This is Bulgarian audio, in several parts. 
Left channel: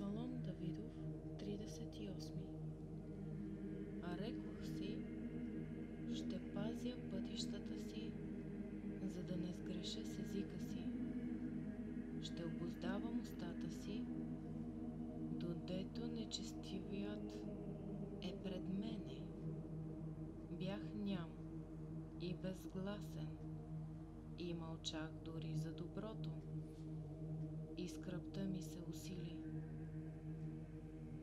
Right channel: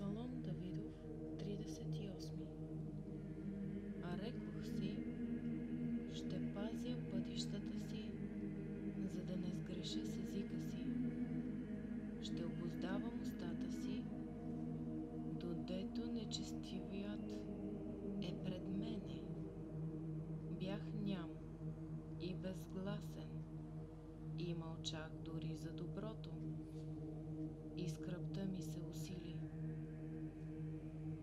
Псалом Давидов, 38. А рекох си, ще пазя пътищата си, за да не сгреша с езика си. Ще обуздавам устата си, додето нечестивият е пред мене. Бях ням и безгласен и мълчах дори за доброто, и скръбта ми се усили.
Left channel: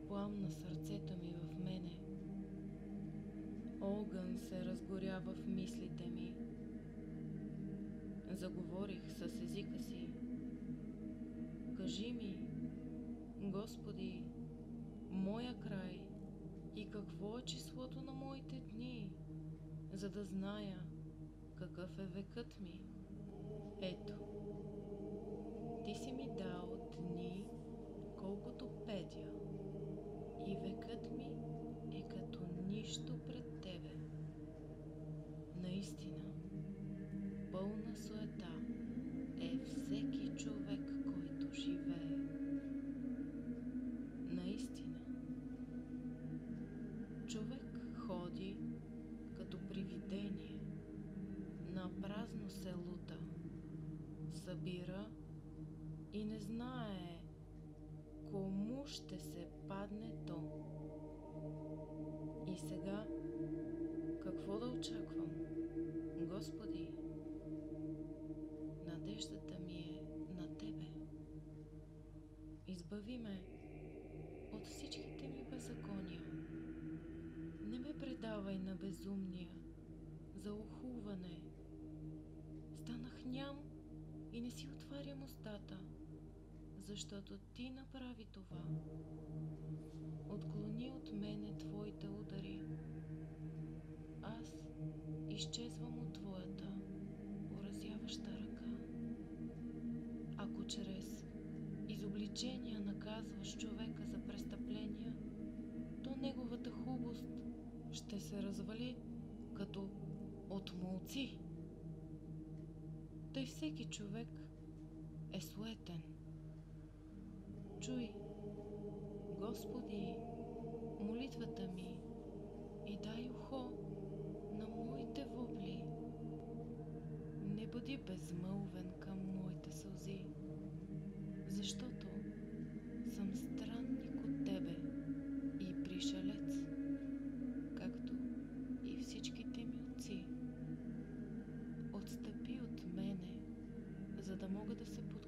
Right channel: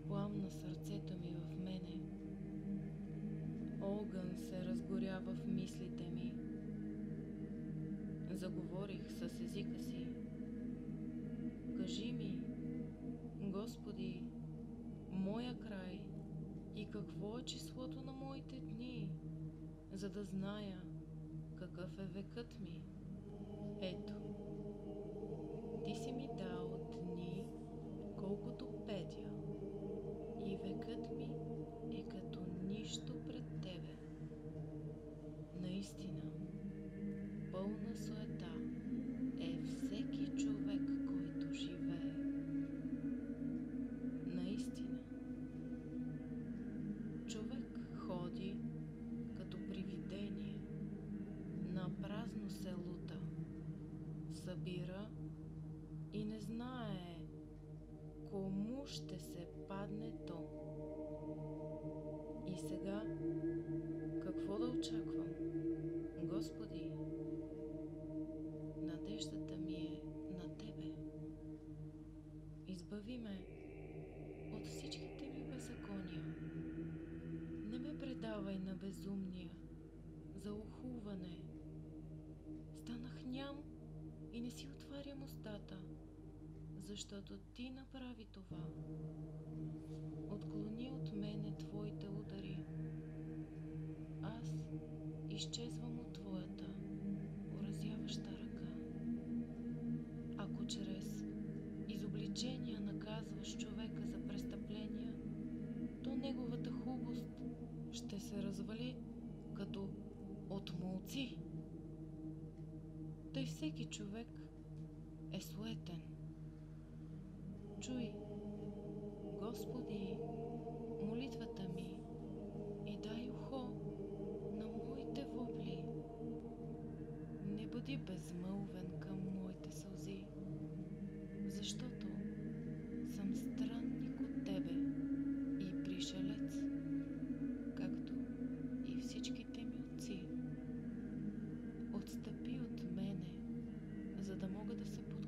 Пламна сърцето ми в мене, огън се разгоря в мислите ми. Заговорих с езика си. Кажи ми, Господи, моя край и какво е числото на моите дни, за да зная какъв е векът ми. Ето, Ти си ми дал дни, колкото петя, и векът ми е като нищо пред Тебе. Наистина, пълна суета е всеки човек, който живее. Наистина, човек ходи като привидение, на празно се лута, събира и не знае кому ще се падне то. И сега, какво да очаквам? Господи, надеждата ми е на Тебе. Избави ме от всичките ми беззакония. Не ме предавай на безумния, за охулване. Станах ням и не си отварям устата, защото Ти направи това. Отклони от мене Твоите удари. Аз изчезвам от Твоята поразяваща ръка. Ако чрез изобличения наказваш човека за престъпления, то неговата хубост ще се развали като от молци. Тъй всеки човек е суетен. Чуй, Господи, молитвата ми и дай ухо на моите вопли. Не бъди безмълвен към моите сълзи, защото съм странник от Тебе и пришелец, както и всичките ми отци. Отстъпи от мене, за да мога да се подкрепя